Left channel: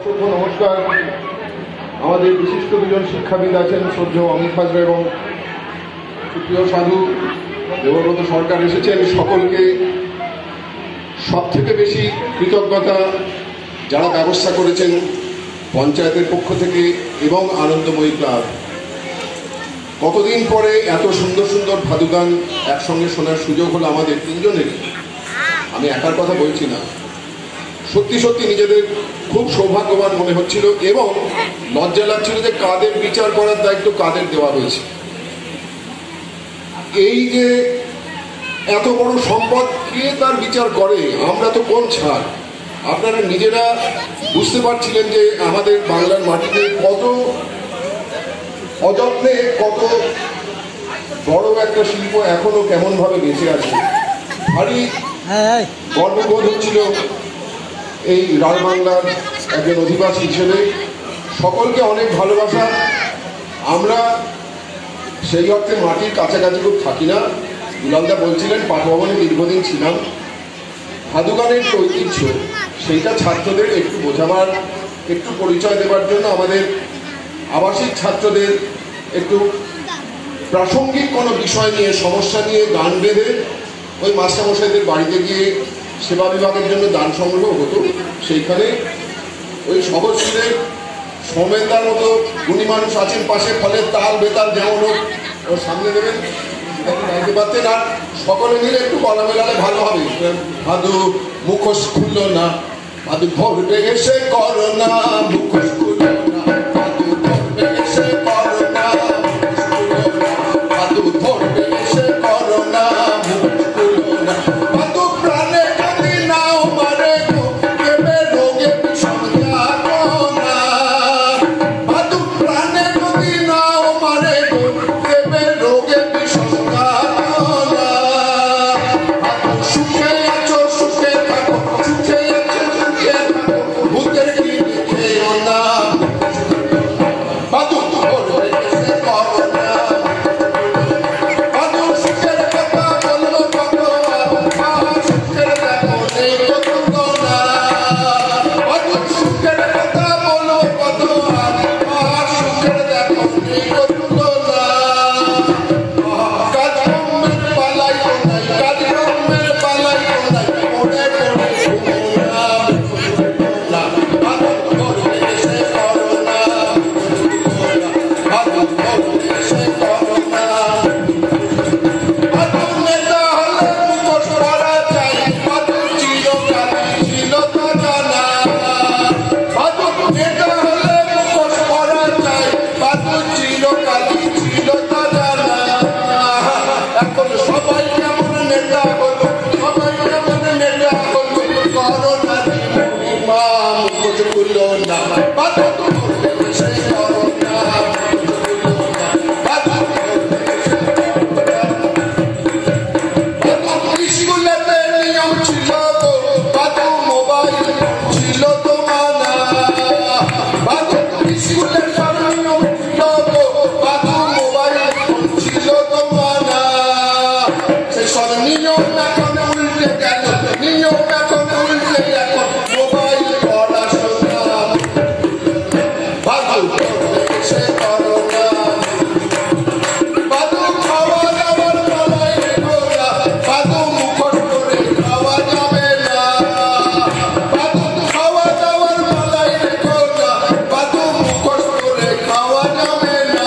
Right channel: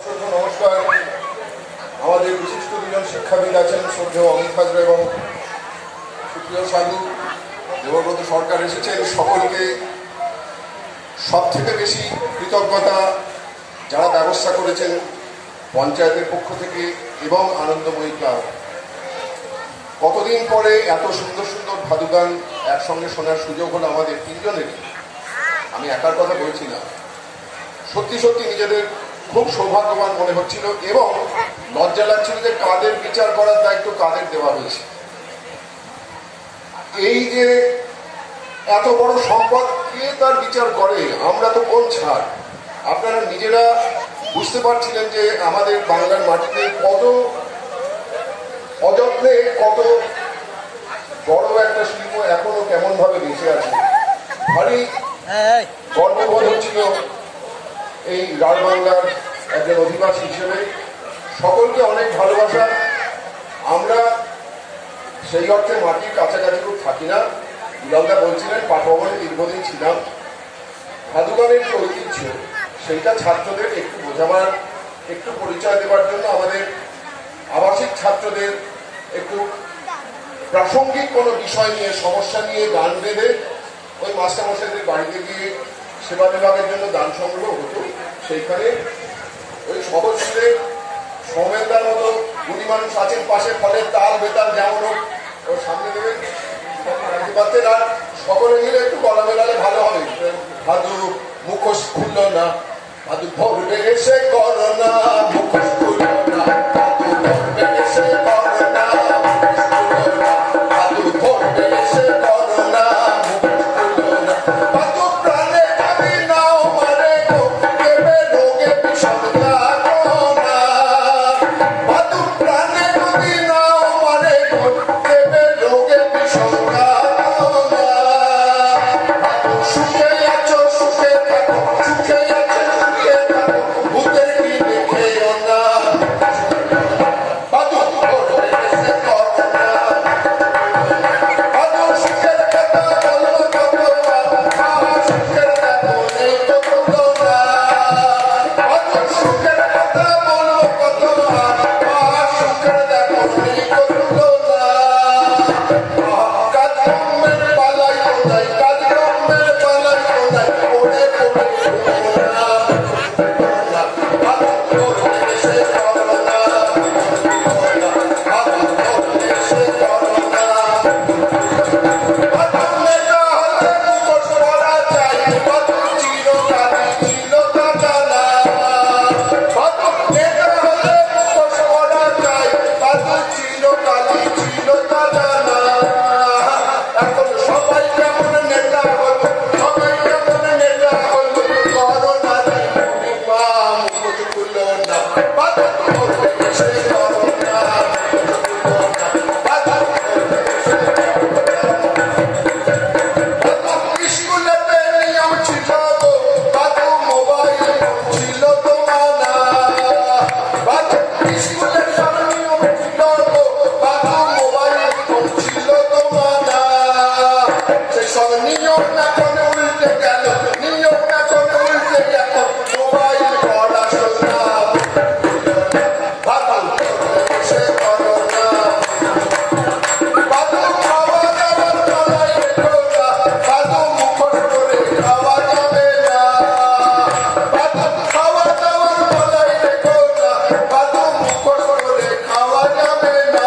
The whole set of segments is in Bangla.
নমস্কার। আমাদের বিশিষ্ট দুজন শিক্ষাবিদ আছেন, শ্রদ্ধেয় অমিত হাজরা এবং সুপ্রিয় সাধু দেবব্রত সরকার এসেছেন। সকলকে সবথেকে বেশি কৃতজ্ঞতা যারা ব্যবস্থা করেছেন পঞ্চায়েতের পক্ষ থেকে এবং আনন্দময়ী ক্লাব। কতদিন পরে এত সুন্দর সুন্দর ভাদু গান একসঙ্গে শোনার সুযোগ হলো আমাদের তিনজনেরই। আমি একার কথা বলছি না, সত্যি সত্যি নিজেদের খুব সৌভাগ্যবান মনে হচ্ছিল এবং লজ্জা লাগছিল যে কাদের বিচার করার দায়িত্ব কাদের দেওয়া হয়েছে। এই যে এত বড় সম্পদ কে তার বিচার করে, আমরা তো কোন ছাড়। আপনারা নিজেরা বুঝতে পারছিলেন যে আমাদের বাংলার মাটিতে কত অযত্নে কত বড় একটা শিল্প এখনো কেমন ভাবে বেঁচে আছে। ভারী গর্ববোধ হচ্ছিল এই রাজবাংলার একজন অধিবাসী হিসেবে। সকলকে অনেক ভালোবাসা। আমরা সেই অর্থে মাটির কাছাকাছি খুব থাকি না। দুলালদা বলছিলেন পাঠভবনে দীর্ঘদিন ছিলাম। ভাদু গানের যে ঐতিহ্য সেইটা ছাত্রদের একটু বোঝাবার, একটু পরিচয় দেওয়ার জন্য আমাদের আবাসিক ছাত্রদের একটু প্রাসঙ্গিক কোনো বিষয় নিয়ে, সমস্যা নিয়ে গান বেঁধে ওই মাস্টারমশাইদের বাড়িতে গিয়ে সেবা বিভাগের জন্য দান সংগ্রহ হতো। সেইখানে ওই সহজশীলের সৌমেনদার মতো গুণী মানুষ আছেন পাশে, ফলে তাল বেতাল যেমন হোক ওর সামনে দেবেন, জানতে পারতেন। আর সকলে মিলে একটু গলা মেলালে ভালো হবে। ভাদু মুখোশ খুলল না, ভাদু ধরবে এসে করো না, মুখোশ খুলল না, ভাদু ধরবে এসে করো না, ভাদু ধরবে এসে করো না, মুখোশ খুলল না, ভাদু প্রাণে কাঁদি নাও মারে গো, দেবে রোগে বিষম যাতনা, ভাদু প্রাণে কাঁদি নাও মারে গো, দেবে রোগে বিষম যাতনা, ভাদু সুখে আছো সুখে থাকো, সুখে আছো সুখে থাকো, ভূতের কি দেখেও না, ভাদু ধরবে এসে করো না, ভাদু সুখের কথা বলবো কত, সুখের দেখো নেই কত না, ভাদু সুখের কথা বলবো কত, সুখের দেখো নেই কত না, কাজকর্মের পালাই কোথায়, কাজকর্মের পালাই কোথায়, পড়ে পড়ে ঘুমো না, ভাদু ধরবে এসে করো না, ভাদু ধরবে এসে করো না, ভাদু নেতা হলে মুখোশ পরা চাই, ভাদু চিরকালই ছিল তা জানা, ভাদু নেতা হলে মুখোশ পরা চাই, ভাদু চিরকালই ছিল তা জানা। এখন সবাই কেমন নেতা হলো, সবাই কেমন নেতা হলো, করোনা মা মুখোশ খুলল না, ভাদু ধরবে এসে করো না, ভাদু ধরবে এসে করো না। ভাদু স্কুলেতে নিয়ম ছিল গো, ভাদু মোবাইল ছিল তো মানা, ভাদু স্কুলের সব নিয়ম ছিল গো, ভাদু মোবাইল ছিল তো মানা, সেসব নিয়ম এখন উল্টে গেল, নিয়ম এখন উল্টে এখন মোবাইল পড়াশোনা, ভাদু ধরবে এসে করো না, ভাদু খাওয়া দাওয়ার পালাই রেখো না, ভাদু মুখোশ করে খাওয়া যাবে না, ভাদু খাওয়া দাওয়ার পালাই রেখো না, ভাদু মুখোশ করে খাওয়া যাবে না,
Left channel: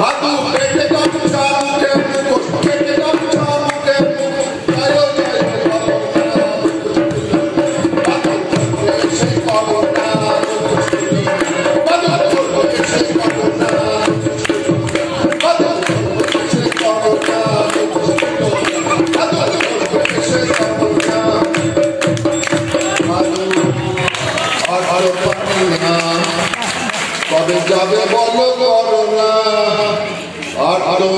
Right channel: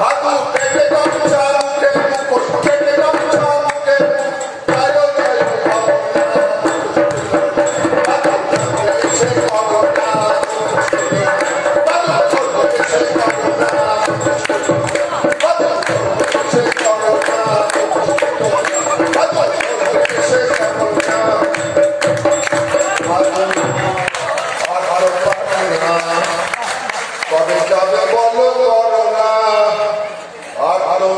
ভাদু পেটে গামছা মুখে মুখোশ, পেটে গামছা মুখে মুখোশ, যায়ো যায়ো করো না, ভাদু ধরবে এসে করো না, ভাদু ধরবে এসে করো না, ভাদু ধরবে এসে করো না, ভাদু ধরবে এসে করো না, ভাদু আর আরো পারি না, কবে যাবে বলো করো না, আর আরো